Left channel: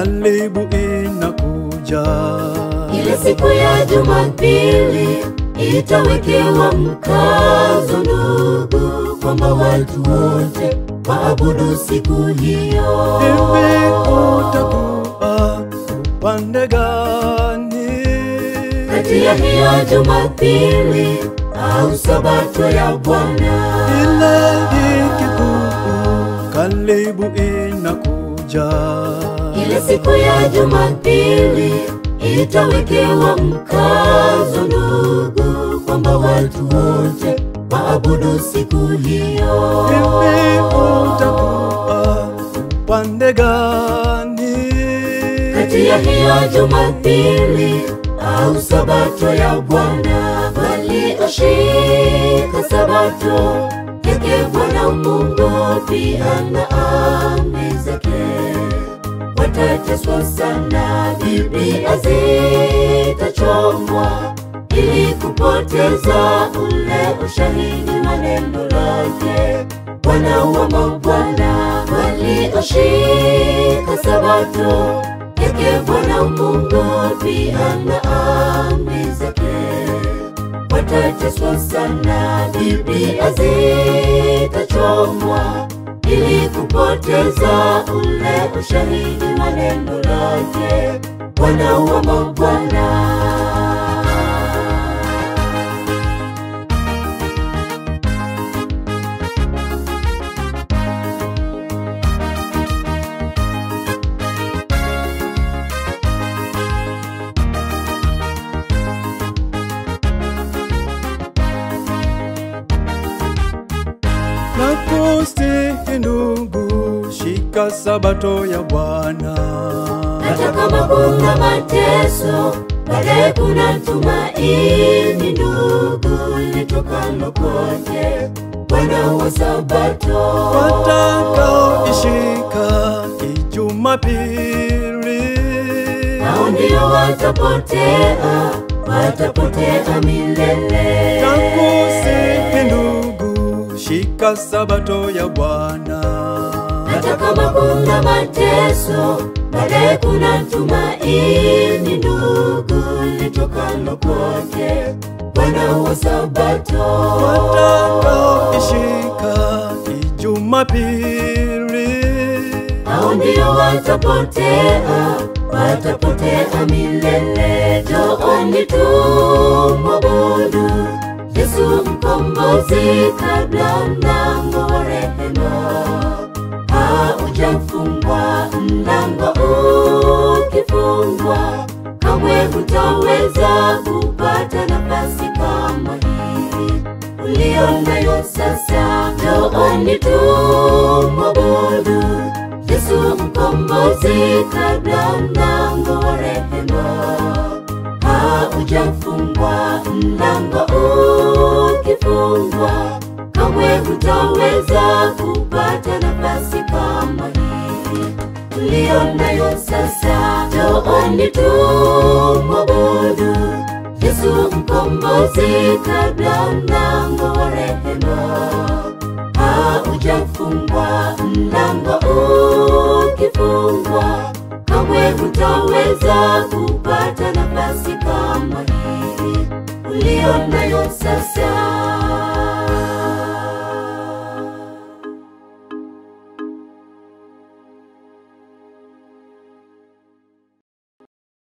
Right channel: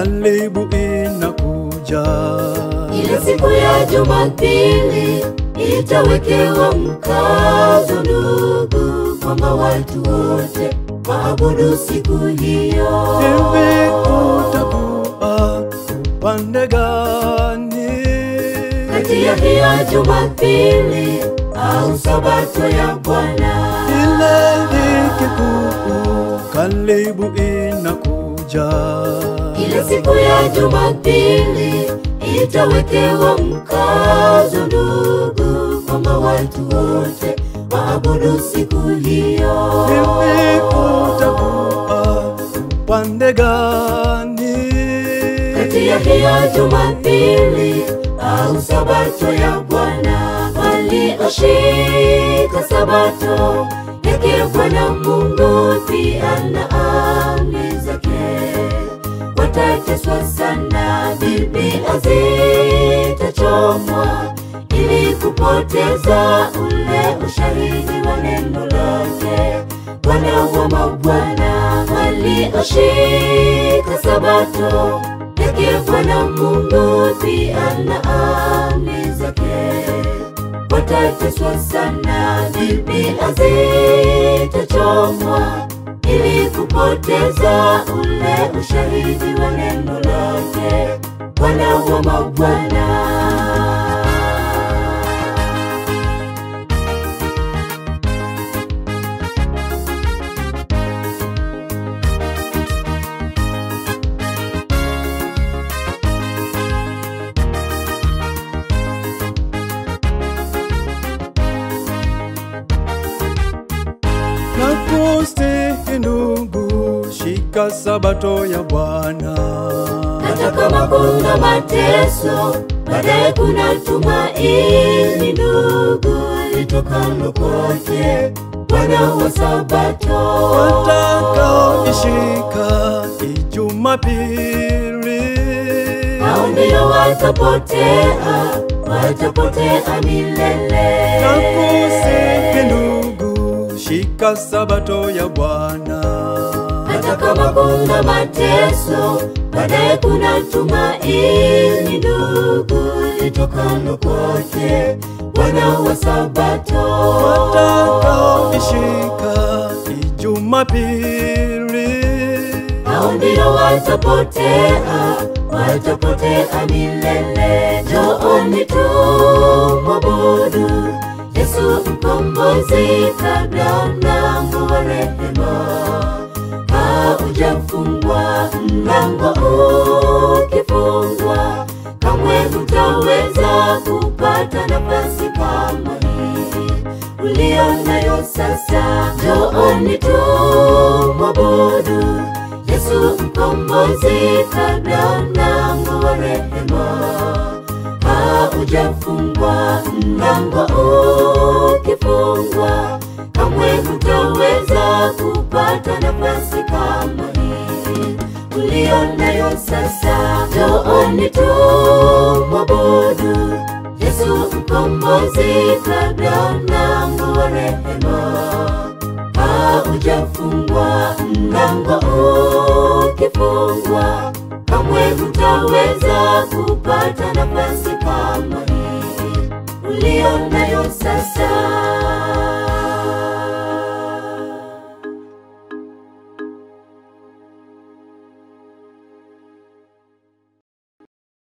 karibu inakuja. Ile siku ya Jumapili itawekewa mkazo ndugu, kwamba watu wote waabudu siku hiyo. Hivi utakuwa upande gani? Kati ya hiyo Jumapili au Sabato ya Bwana? Ile ikikuu karibu inakuja. Ile siku ya Jumapili itawekewa mkazo ndugu, kwamba watu wote waabudu siku hiyo. Hivi utakuwa upande gani? Kati ya hiyo Jumapili au Sabato ya Bwana? Walioshika Sabato yake Bwana Mungu pia na amri zake watateswa sana. Biblia zitachomwa ili kupoteza ule ushahidi wa neno lake. Bwana wa mabwana walioshika Sabato yake Bwana Mungu pia na amri zake watateswa sana. Biblia zitachomwa ili kupoteza ule ushahidi wa neno lake. Bwana wa mabwana. Nakusihi ndugu, shika Sabato ya Bwana. Hata kama kuna mateso, baadaye kuna tumaini ndugu, litokalo kwake Bwana wa Sabato. Watakaoishika Jumapili, hao ndio watapotea milele. nakusihi ndugu, shika Sabato ya Bwana. Hata kama kuna mateso, baadaye kuna tumaini ndugu, litokalo kwake Bwana wa Sabato. Watakaoishika Jumapili, hao ndio watapotea milele. Njooni tumwabudu Yesu mkombozi, kabla mlango wa rehema haujafungwa. Mlango ukifungwa, kamwe hutaweza kupata nafasi kama hii ulio nayo sasa. Njooni tumwabudu Yesu mkombozi, kabla mlango wa rehema haujafungwa. Mlango ukifungwa, kamwe hutaweza kupata nafasi kama hii ulio nayo sasa. Njooni tumwabudu Yesu mkombozi, kabla mlango wa rehema haujafungwa. Mlango ukifungwa, kamwe hutaweza kupata nafasi kama hii ulio nayo sasa.